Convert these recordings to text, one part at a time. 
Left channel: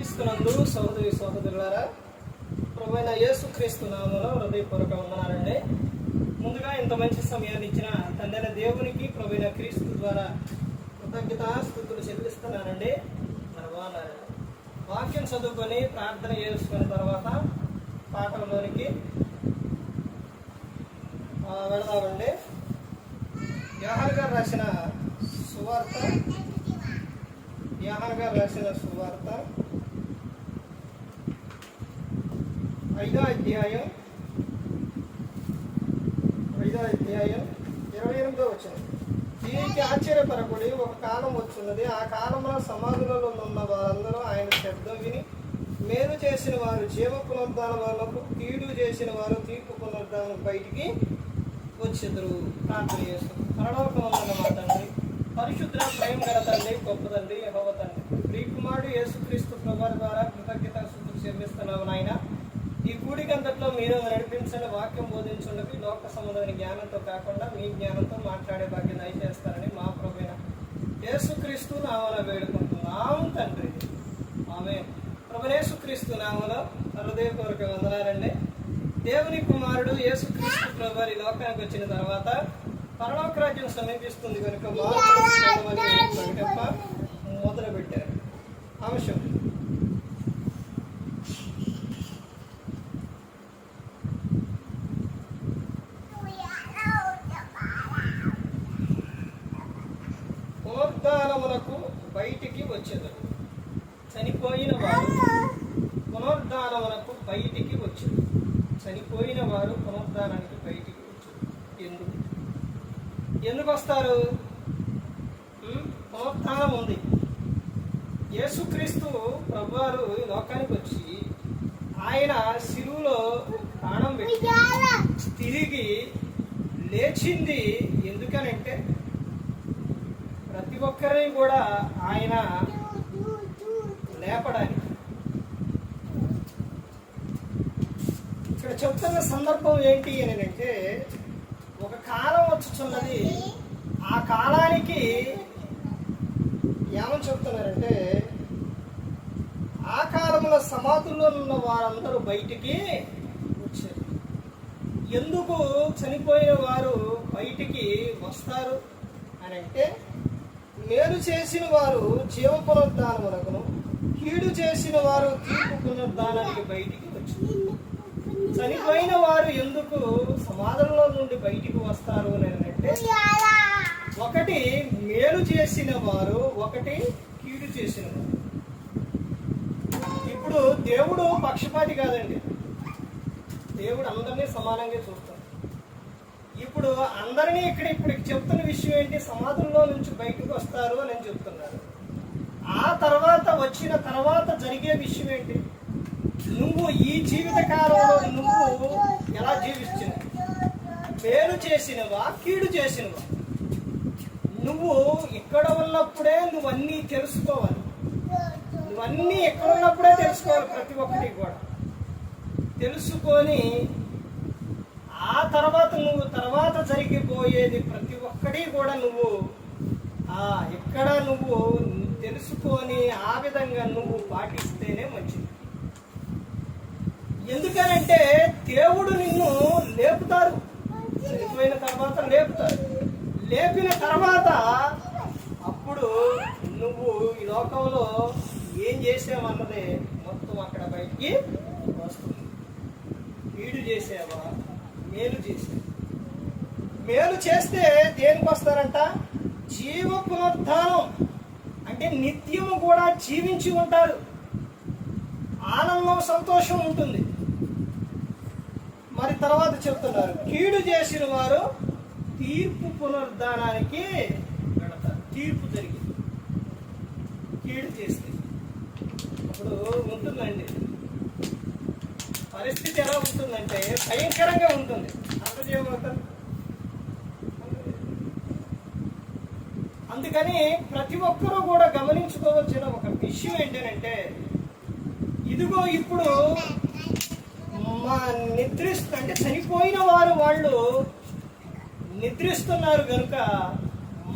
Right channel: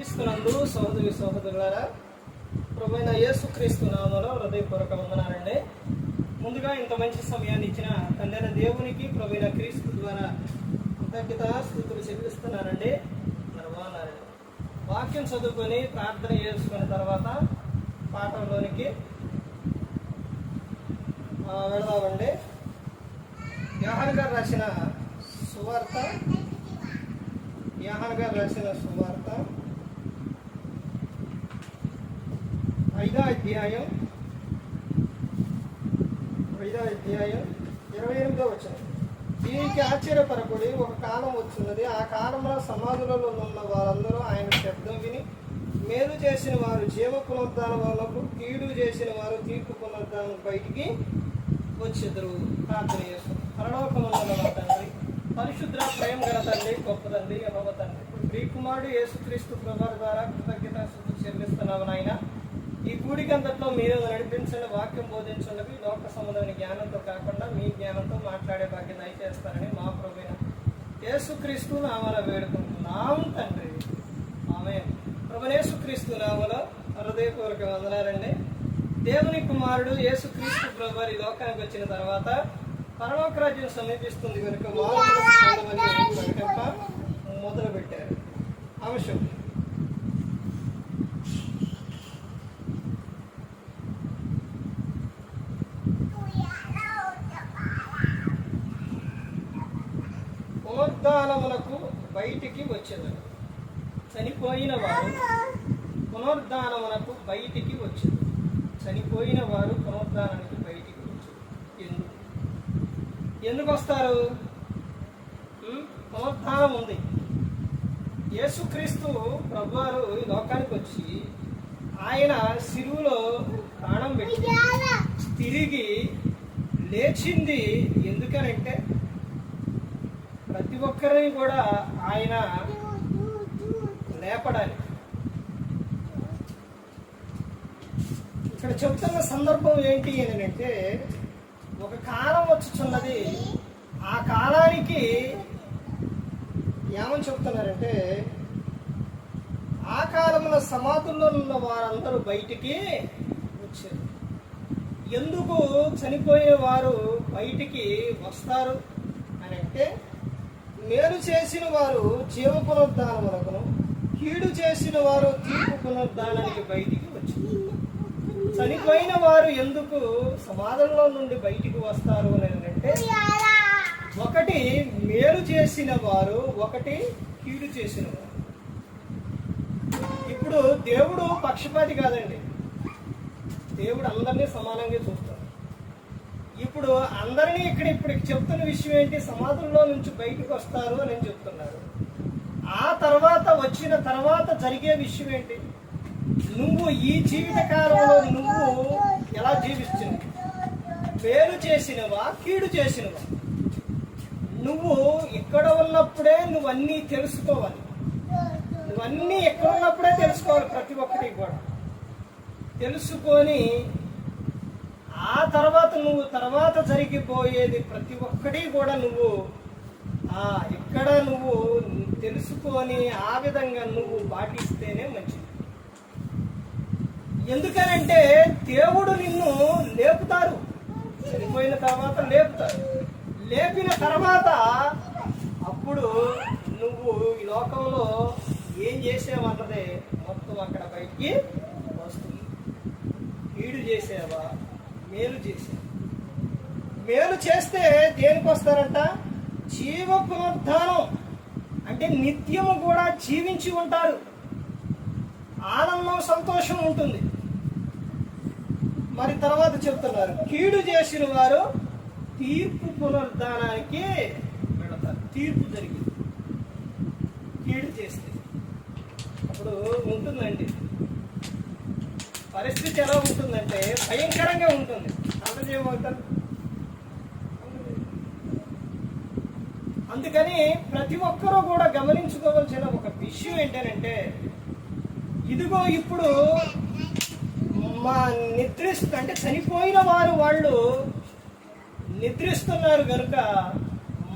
క్రీస్తునందు సహోదరి సహోదరులారా, ప్రభువైన యేసుక్రీస్తు నామములో హృదయపూర్వక వందనాలండి. ముందుగా ఇంత మంచి సమయాన్ని ఇచ్చిన తండ్రైన దేవునికి ప్రభువైన క్రీస్తు ద్వారా కృతజ్ఞతాస్తుతులు చెల్లిస్తున్నానండి. మరి బాగున్నారండి. వాక్యం చదువుకొని ప్రార్థన చేసుకున్న తర్వాత పాఠంలోనికి వెళదామండి. యోహాను గారు రాసిన సువార్త 5వ అధ్యాయం 28వ వచనం. దీనికి ఆశ్చర్యపరకుడి, ఒక కాలం వచ్చున్నది, ఆ కాలంలో సమాధులలో ఉన్న వారందరూ ఆయన శబ్దం విని మేలు చేసిన వారు జీవ పునరుద్ధానములకు, కీడు చేసిన వారు తీర్పు పునరుద్ధానం బయటికి వచ్చెదరు. ప్రార్థన చేస్తాం. పరలోకమందున్న మా తండ్రి, పరిశుద్ధ ప్రేమ గల తండ్రి, గొప్ప తండ్రి, యెహోవా తండ్రి, ప్రియకుమారుడు యేసుక్రీస్తు ప్రభువు ద్వారా కృతజ్ఞతాస్తుతులు చెల్లిస్తున్నాము నాయన. ఈ కూడికంతట్లో మీరు నడిపించిన వాక్యం బోధించున్నవి లోక సంబంధమైన జ్ఞానంతో కాకుండా మీ జ్ఞానంతో మాట్లాడే భాగ్యం దయచేస్తారని మా ప్రభువైన యేసుక్రీస్తు నామమున వేడుకుంటున్నాం తండ్రి. ఆమేన్. ప్రభువైన యేసుక్రీస్తు నామములో హృదయపూర్వక వందనాలండి. దేవుని కుమారుడు యేసుక్రీస్తు ప్రభువు ఈ లోకానికి వచ్చిన తర్వాత పరలోక రాజ్యం సమీపిస్తుంది కనుక మారుమనస్సు పొందమని ప్రకటింప మొదలుపెట్టారు. అంశం పునరుద్ధానమునకు బయటికి వచ్చేది. చనిపోయిన వారు పునరుద్ధానమునకు బయటికి వచ్చేది. చనిపోయిన వారు పునరుద్ధానానికి బయటికి వచ్చేది. ఎందుకు వస్తారు? పునరుద్ధానం ఉంది. యేసుక్రీస్తు ప్రభువారు లోకానికి వచ్చి ఆయన శిలువలో ప్రాణం పెట్టి తిరిగి లేచింది ఎందుకనంటే ప్రతి ఒక్కరిని కూడా ఆయన లేపడానికి. ఇక్కడ చెప్తున్న సందర్భం ఏంటి అని అంటే, ఒక కాలం వచ్చుచున్నది, ఆ కాలానికి ఏమని చెప్తున్నారంటే, ఆ కాలంలో సమాధుల్లో ఉన్న వారందరూ బయటికి వచ్చారు. ఎందుకు చనిపోయిన వారు బయటికి వస్తారు అని అంటే, మేలు చేసిన వారు జీవ పునరుద్ధానమునకును, కీడు చేసిన వారు తీర్పు పునరుద్ధానానికి బయటికి వచ్చారు. చనిపోయిన వారు ఎందుకు సమాధుల్లో నుండి బయటికి వస్తారు అని అంటే, ఒకటి మేలు చేసిన వారు, ఒకటి కీడు చేసిన వారు. ఇప్పుడు దేవుడు పక్షపాతి కాదండి. దేవుడు అందరినీ సమానంగా చూస్తాడు. ఇప్పుడు అందరినీ ఇప్పుడు చెప్తున్న విషయం ఏంటి? సమాధుల్లో నుంచి బయటకు వస్తారు అని చెప్తున్నారు. ఆ తర్వాత వచ్చిన తర్వాత జరిగే విషయం ఏంటి? నువ్వు ఈ జీవిత కాలంలో నువ్వు ఎలా జీవిస్తుంది? మేలు చేసినవా, కీడు చేసినవా? నువ్వు ఇక్కడ ఉన్నప్పుడే నువ్వన్నీ తెలుసుకోవాలి. నువ్వన్నీ ఎక్కడ ఉన్నప్పుడే తెలుసుకోవాలి. ప్రతి ఒక్కటి కూడా తెలుసుకొని ఆ తర్వాత నువ్వు తర్వాత జరిగిపోయేది ప్రతి ఒక్కటి కూడా నువ్వు ఎక్కడ నువ్వు తెలుసుకొని ఆ విధంగా నువ్వు పాటిస్తేనే మంచిది. ఎందుకనంటే దేవుడు నిన్ను లేపుతారు. చనిపోయిన తర్వాత లేపుతారు. లేపిన తర్వాత అప్పుడు నువ్వు ఈ లోకంలో ఏం చేసావన్నదే మొత్తం అక్కడ బయటికి వస్తుంది. కీడు చేసావా, మేలు చేసావా? మేలు చేస్తే దేనికి వస్తారంట? జీవ పునరుద్ధానం అంటే నిత్యము కూడా జీవించి ఉంటారు. ఆనందం, సంతోషం ఉంటుంది. మరి తర్వాత చెప్తున్నారు, కీడు చేసిన వారు తీర్పు పునరుద్ధానానికి వెళతారు. తీర్పు జరిగింది కీడు చేస్తే అప్పుడు ఉంటుందండి పరిస్థితి. ఎలా ఉంటుందంటే భయంకరంగా ఉంటుంది. అందరూ ఏమవుతారు? అందుకని ప్రతి ఒక్కరూ కూడా గమనించుకోవాల్సిన ఒక విషయం ఏంటంటే, ఇదిగో ఇప్పుడు మా అంటే చనిపోయిన వారు వాళ్ళు నిద్రిస్తున్నారు కనుక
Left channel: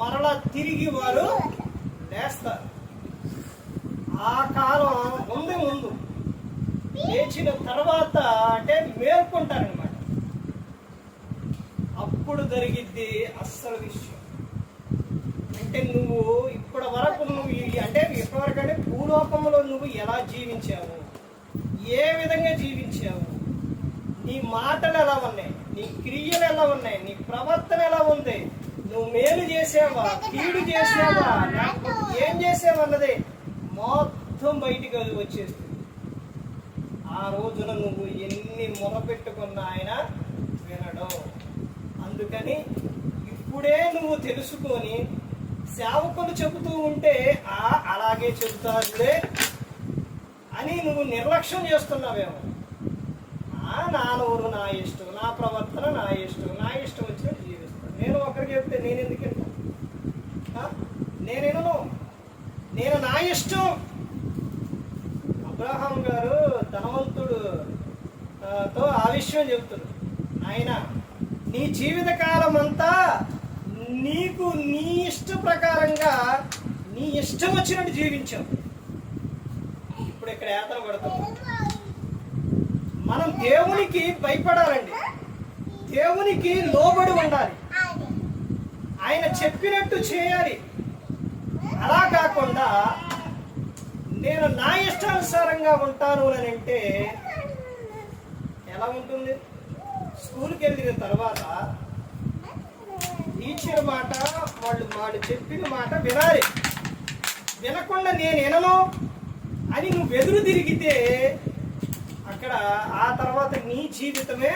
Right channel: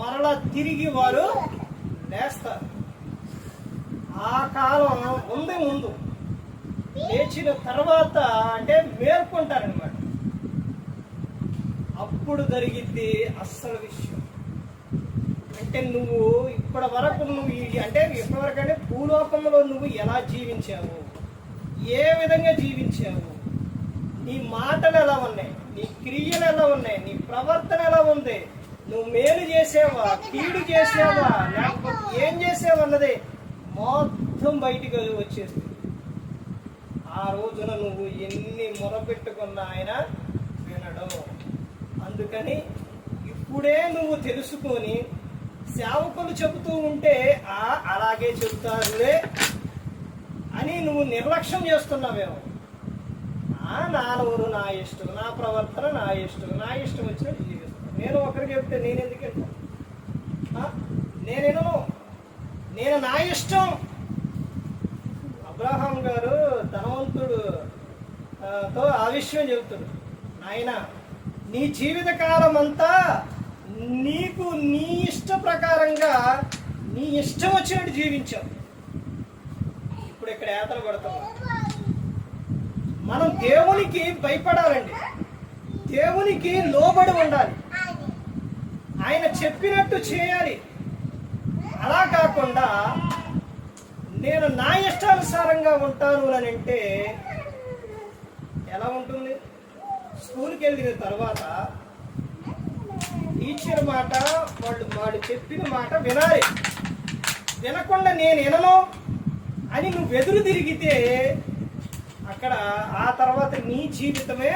మరలా తిరిగి వారు లేస్తారు. ఆ కాలం ఉంది లేచిన తర్వాత అంటే మేల్కొంటారనమాట. అప్పుడు జరిగిద్ది అస్సలు విషయం. అంటే నువ్వు ఇప్పటి వరకు అంటే భూలోకంలో నువ్వు ఎలా జీవించావు, ఏ విధంగా జీవించావు, నీ మాటలు ఎలా ఉన్నాయి, నీ క్రియలు ఎలా ఉన్నాయి, నీ ప్రవర్తన ఎలా ఉంది, నువ్వు మేలు చేసావా, కీడు చేసావా, లేకపోతే ఏం చేసావు అన్నది మొత్తం బయటికి వచ్చేస్తుంది. ఆ రోజున నువ్వు ఎన్ని మొరపెట్టుకున్నా ఆయన వినడు. అందుకని ఇప్పుడే నువ్వు తెలుసుకొని సేవకులు చెబుతూ ఉంటే అలాగే చెబుతారులే అని నువ్వు నిర్లక్ష్యం చేస్తున్నావేమో. నా నోరు నా ఇష్టం, నా ప్రవర్తన నా ఇష్టం, నా ఇష్టం వచ్చినట్టు జీవిస్తాను. నేను ఒకరికి చెప్తే నేను ఎందుకు వెళ్తాను? నేను నా ఇష్టం. అబ్రహాం గారు ధనవంతుడు తో ఆ విషయం చెబుతాడు, ఆయన నీ జీవిత కాలం అంతా నీకు నీ ఇష్ట ప్రకారంగా నీ ఇష్టం వచ్చినట్టు జీవించావు. ఇప్పుడు ఇక్కడ యాత్ర పడతాము. మనం దేవునికి భయపడాలండి, దేవునికి లోబడి ఉండాలి, ఆయన చెప్పినట్టు చేయాలి. అలా కాకుండా నేను నా ఇష్టానుసారంగా ఉంటాను అని అంటే ఎలా ఉంటుంది? స్కూల్కి వెళ్ళిన తర్వాత టీచర్ మాట వాళ్ళు చెప్పిన మాట వినాలి. వినకుండా నేను వినను అని నువ్వు ఎదురు తిరిగితే అక్కడ ఆ తర్వాత నీ జీవితమే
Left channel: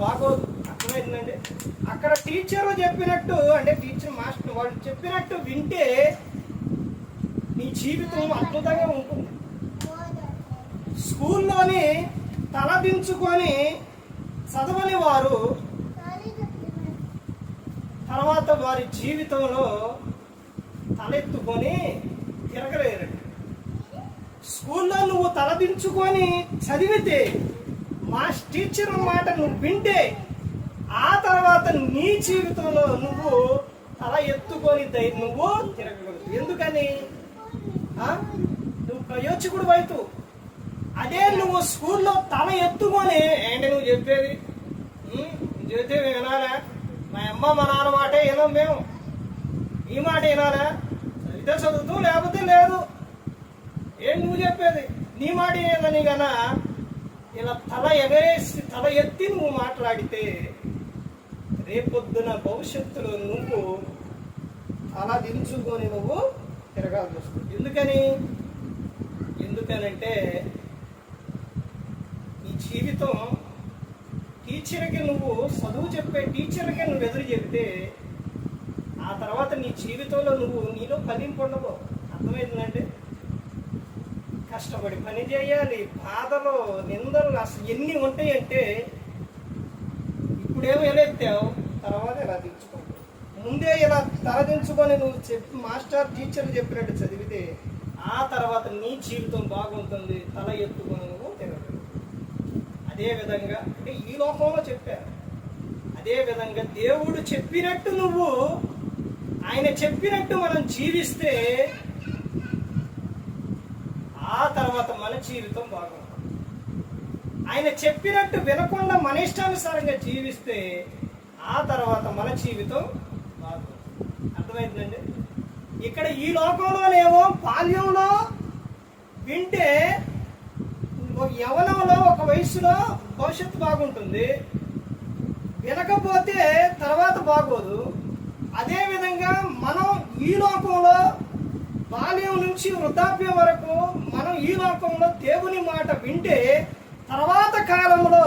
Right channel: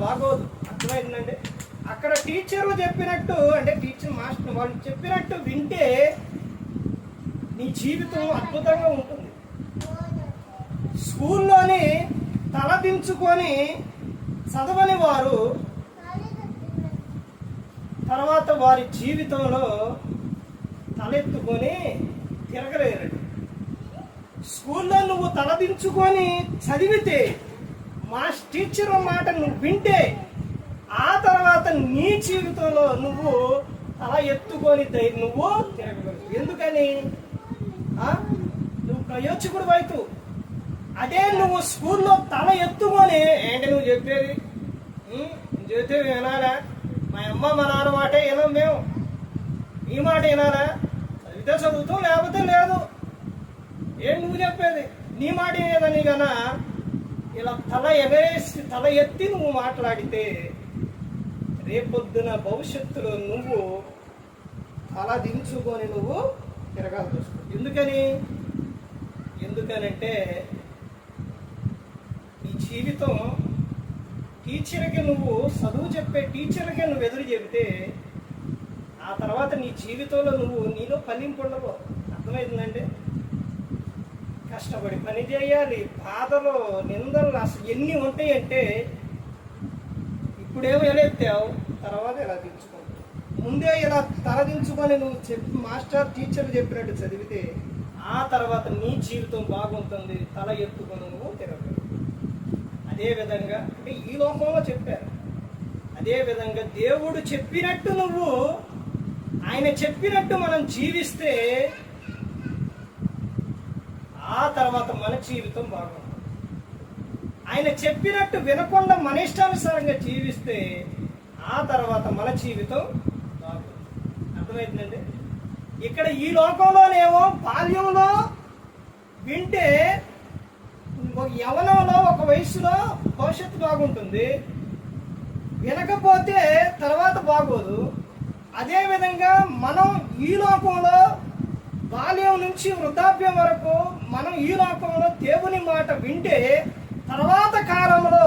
బాగోదు. అర్థమైందండి? అక్కడ టీచర్ చెప్పినట్టు అంటే టీచర్ మాస్టర్ వాళ్ళు చెప్పినట్టు వింటే నీ జీవితం అద్భుతంగా ఉంటుంది. స్కూల్లోని తలదించుకొని చదవని వారు తర్వాత వారి జీవితంలో తలెత్తుకొని తిరగలేరండి. స్కూల్లో నువ్వు తలదించుకొని చదివితే మా టీచర్ మాట నువ్వు వింటే ఆ తర్వాత నీ జీవితంలో నువ్వు తల ఎత్తుకొని నువ్వు తిరగగలవు. ఎందుకని? నువ్వు ప్రయోజకుడు వైతు. అదే నువ్వు స్కూల్లో తల ఎత్తుకొని ఏంటి నువ్వు చెప్పేది చెబితే వినాలా? మా అమ్మ మా నాన్న మాటే వినాం, మేము ఈ మాట వినాలా? చదివితే చదువుతూ లేకపోతే లేదు. ఏం నువ్వు చెప్పేది? నీ మాట ఏదని కన్నా ఇలా తల ఎగరేసి తల ఎత్తి నువ్వు మాట్లాడితే రేపొద్దున భవిష్యత్తులో నువ్వు తల దించుకొని నువ్వు తిరగాల్సి వస్తుంది. ఎందుకనంటే ఈ జీవితం టీచర్కి నువ్వు చదువు చెప్పే టీచర్కి నువ్వు ఎదురు చెబితే ఆ తర్వాత నీ జీవితంలో నీలో ఫలింపు ఉండవు. అర్థమైందంటే కష్టపడి పని చేయాలి, బాధలు నిందలు అసలు ఎన్ని ఉంటాయంటే ఇప్పుడేమో ఎలా ఎత్తావు, తర్వాత ఎలా దించుకో. ముందే ఇలా తలదించుకొని నువ్వు మాస్టర్ టీచర్లు చెప్పినట్టు చదివితే ఆ తర్వాత నీ జీవితం బాగుంటుంది, తల ఎత్తుకొని నువ్వు తిరగదు. అదేవిధంగా అంటే ఈ లోకంలో చెప్పారు, అదేవిధంగా దేవుడు చెప్పినట్టు నువ్వు ఆయన చెప్పినట్టు మనం జీవిస్తే ఆ తర్వాత మన జీవితం బాగుంటుంది. ఆయన చెప్పినట్టు వినకుండా మన ఇష్టానుసారంగా జీవిస్తే ఆ తర్వాత మన జీవితం బాగుంటుంది. అర్థమైందండి? ఇక్కడ ఈ లోకంలోనేమో బాల్యంలో వింటే యవనంలో ఒక వయసులో భవిష్యత్తు బాగుంటుంది, వినకపోతే తర్వాత బాగోదు. అదేవిధంగా మనం ఈ లోకంలో బాల్యం నుంచి వృద్ధాప్యం వరకు మనం ఈ లోకంలో దేవుని మాట వింటే తర్వాత కాలంలో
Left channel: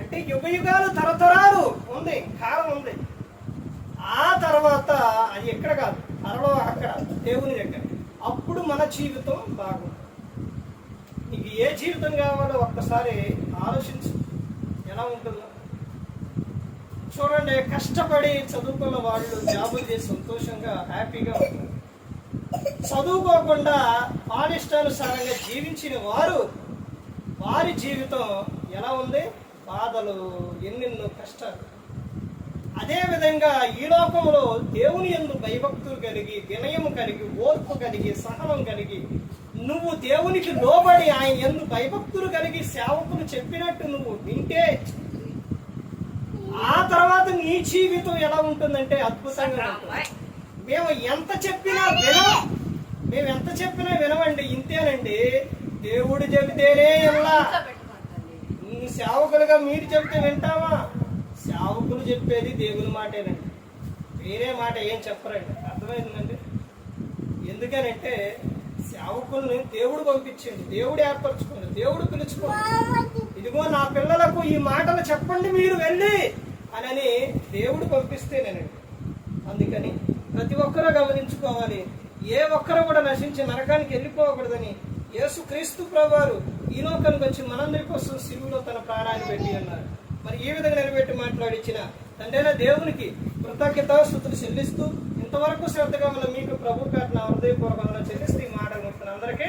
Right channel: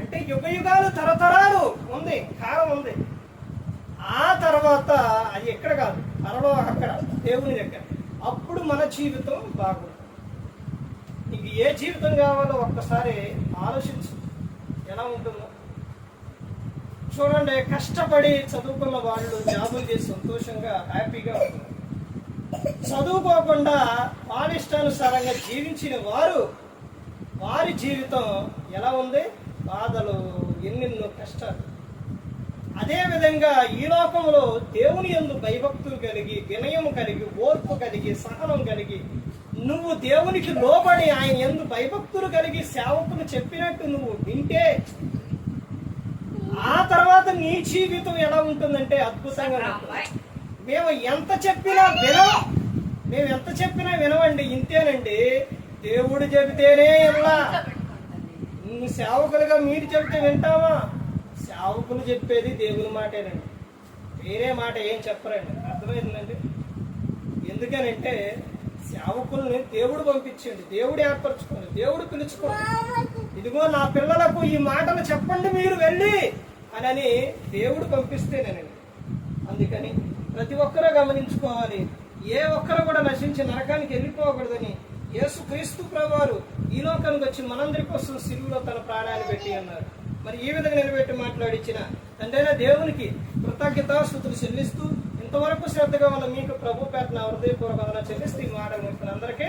అంటే యుగయుగాలు తరతరాలు ఉంది, కాలం ఉంది. ఆ తర్వాత అది ఎక్కడ కాదు, త్వరలో అక్కడ దేవుని దగ్గర. అప్పుడు మన జీవితం బాగుంటుంది. నీకు ఏ జీవితం కావాలో ఒక్కసారి ఆలోచించు, ఎలా ఉంటుందో చూడండి. కష్టపడి చదువుకున్న వాళ్ళు జాబులు చేసి సంతోషంగా హ్యాపీగా ఉంటారు. చదువుకోకుండా వాళ్ళ ఇష్టానుసారంగా జీవించిన వారి జీవితం ఎలా ఉంది? బాధలు, ఎన్నెన్నో కష్టాలు. అదేవిధంగా ఈ లోకంలో దేవుని యందు భయభక్తులు కలిగి, వినయం కలిగి, ఓర్పు కలిగి, సహనం కలిగి నువ్వు దేవునికి లోబడి ఆయన యందు భయభక్తులు కలిగి సేవకులు చెప్పినట్టు నువ్వు వింటే ఆ తర్వాత నీ జీవితం ఎలా ఉంటుందంటే అద్భుతంగా ఉంటుంది. మేము ఎంత చెప్పినా వినవండి, ఇంతేనండి. దేవుడు చెబితేనే ఇలా. సేవకులుగా మీరు చెబితే వింటావా? సేవకులు చెప్పేది దేవుని మాటేనండి, వేరే మాట ఏం చెప్పరండి. అర్థమైందండి? ఎందుకనంటే సేవకుల్ని దేవుడు పంపించండి, దేవుడు ఏర్పరచుకోండి, దేవుడు పిలుచుకోండి. ఇదిగో నా పిల్లలకు ఈ మాటలు చెప్పండి మీరు వెళ్ళి అని దేవుడు పంపిస్తేనేనండి. అందుకని ప్రతి ఒక్కరూ గమనించుకోవాలి, ఏ ఒక్కరు కూడా నశించి నరకానికి వెళ్ళిపోకూడదని యేసుక్రీస్తు ప్రభువారు ఈ లోకానికి వచ్చి మనందరి కోసం సిలువలో తన ప్రాణాన్ని పెట్టి ఉన్నారు. మరి ఈ విధంగా నిలబెట్టి మాట్లాడించిన తండ్రైన దేవునికి కృతజ్ఞతాస్తుతులు చెల్లిస్తూ ఇంతవరకు శ్రద్ధగా ఉన్న మీకు ప్రభు పేట నా హృదయపూర్వకంగా చెల్లిస్తూ ఈ మాటలు అందరికీ